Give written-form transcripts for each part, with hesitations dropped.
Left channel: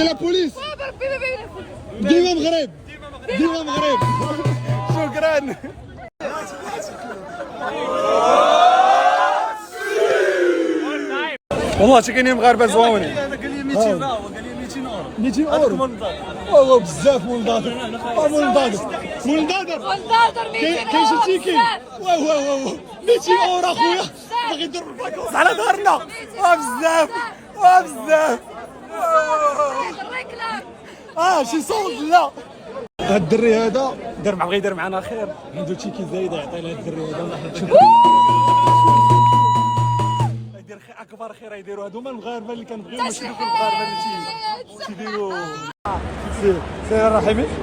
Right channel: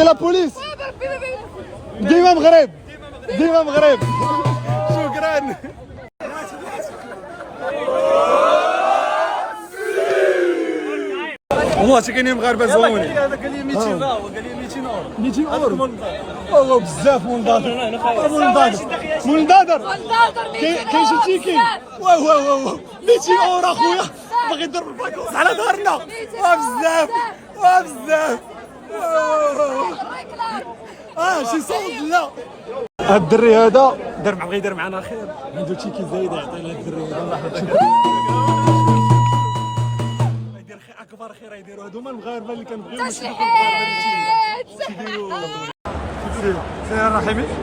سي لا بوليس. ديما مغرب، ديما مغرب. شكرا. والله كاينين مغاربه زواونين. قال لي 200 يورو، قال لي 200 يورو. 200 اورو والله بزاف. منضادر منضادر كاين شي تيكي. واه واه واه 200 اورو اخويا باغي يضرب الباكوس على دارنا. بزاف بزاف. شي صوت. لا هاد الدري هذا بغى يدير معنا خير، عنده تيكي زايد يعطي لهاد الدري هذا. يدير خير اكبر خير يديروا هذوما المغاربه اللي كنبغيو، ماشي دوك المغاربه اللي تيديروا. سير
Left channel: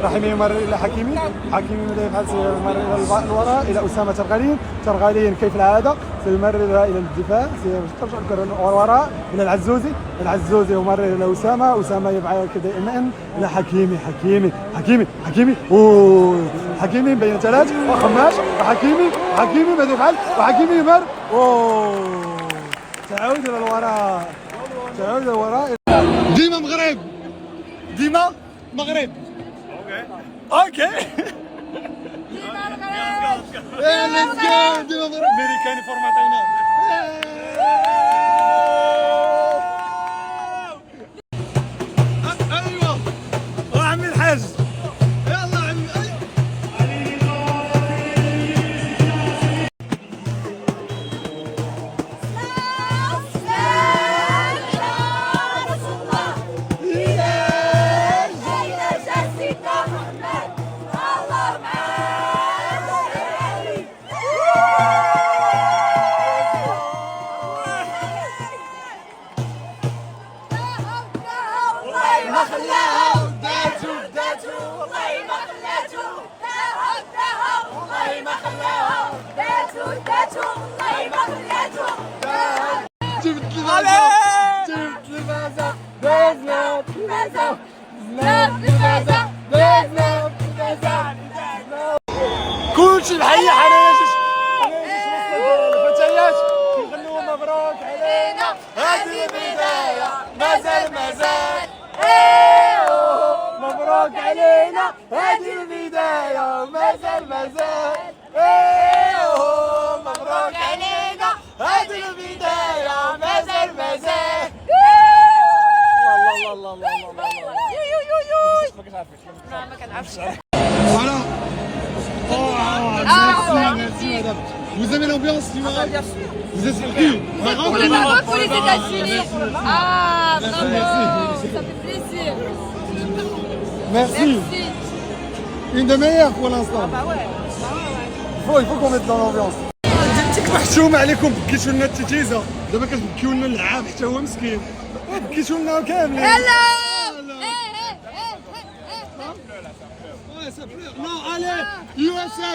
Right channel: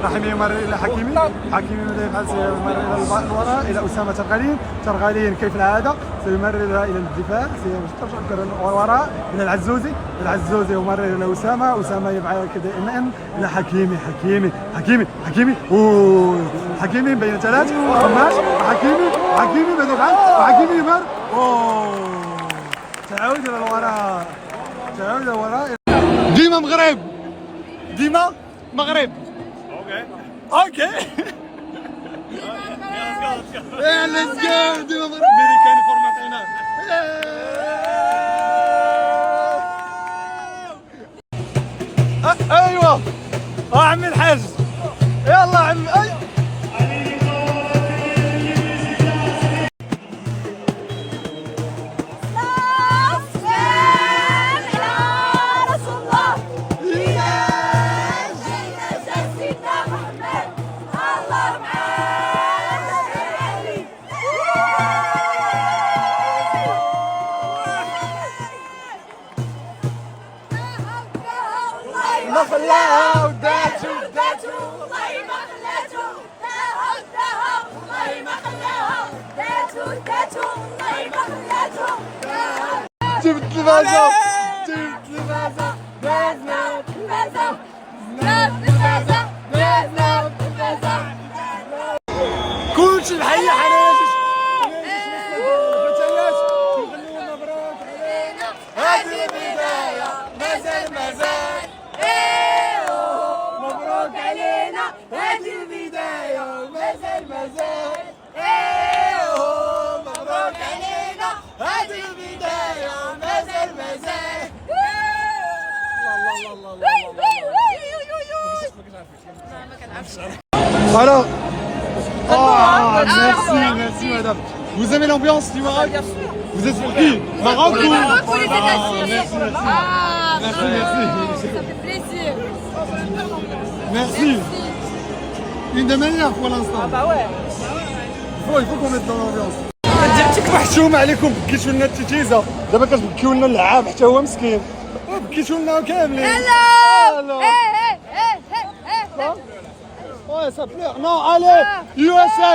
رحيمي يمر الى حكيمي ماذا يفعل؟ سيمر الى الوراء الى اسامه ترغالين كيف العاده سيمرر الى الدفاع، سيرجع الوراء الى العزوزي يمرر الى اسامه يفعل دائما الى حكيمي حكيمي بين ثلاث وخماس وحكيمي ماذا يفعل؟ وحكيمي يمر تعود الى الوراء. ديما مغرب اوكي. ليتس جو. ديما مغرب امريكاني فورماتينا. ايوه عمي الحاج، يلا عمي. ما خلاها وداتو والله ما خلاتو. والله ما خلاها داتو والله ما خلاتو. جبت الفازة كلشي بحي حناجش الفتيات كيغنوا مبروك علينا هذه البداية. مازال مبروك علينا هذه البداية. مازال مبروك علينا هذه البداية. مازال ما كنعرفش. Alors, merci madame. Vous aimez l'ambiance du Maroc? Vous êtes sur qui? Maroc ou pour les États-Unis? Merci. Ça fait plaisir. Merci. Une des meilleures pour l'instant. Bah ouais. Il faut qu'on mette dans l'ambiance. محشوم عليكم، بكيتوا لنا التيتيزه، دابا كتبكيو لنا اللعاب حتى هو مسكين، بكيتوا لنا كاملين. Hello. Ouais, ça pleure. Non, allez, USA.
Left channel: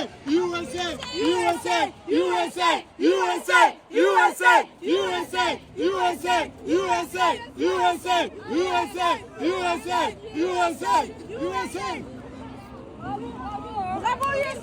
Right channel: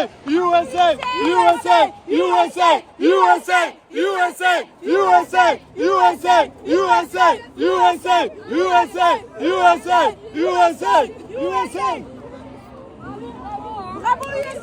Bravo USA.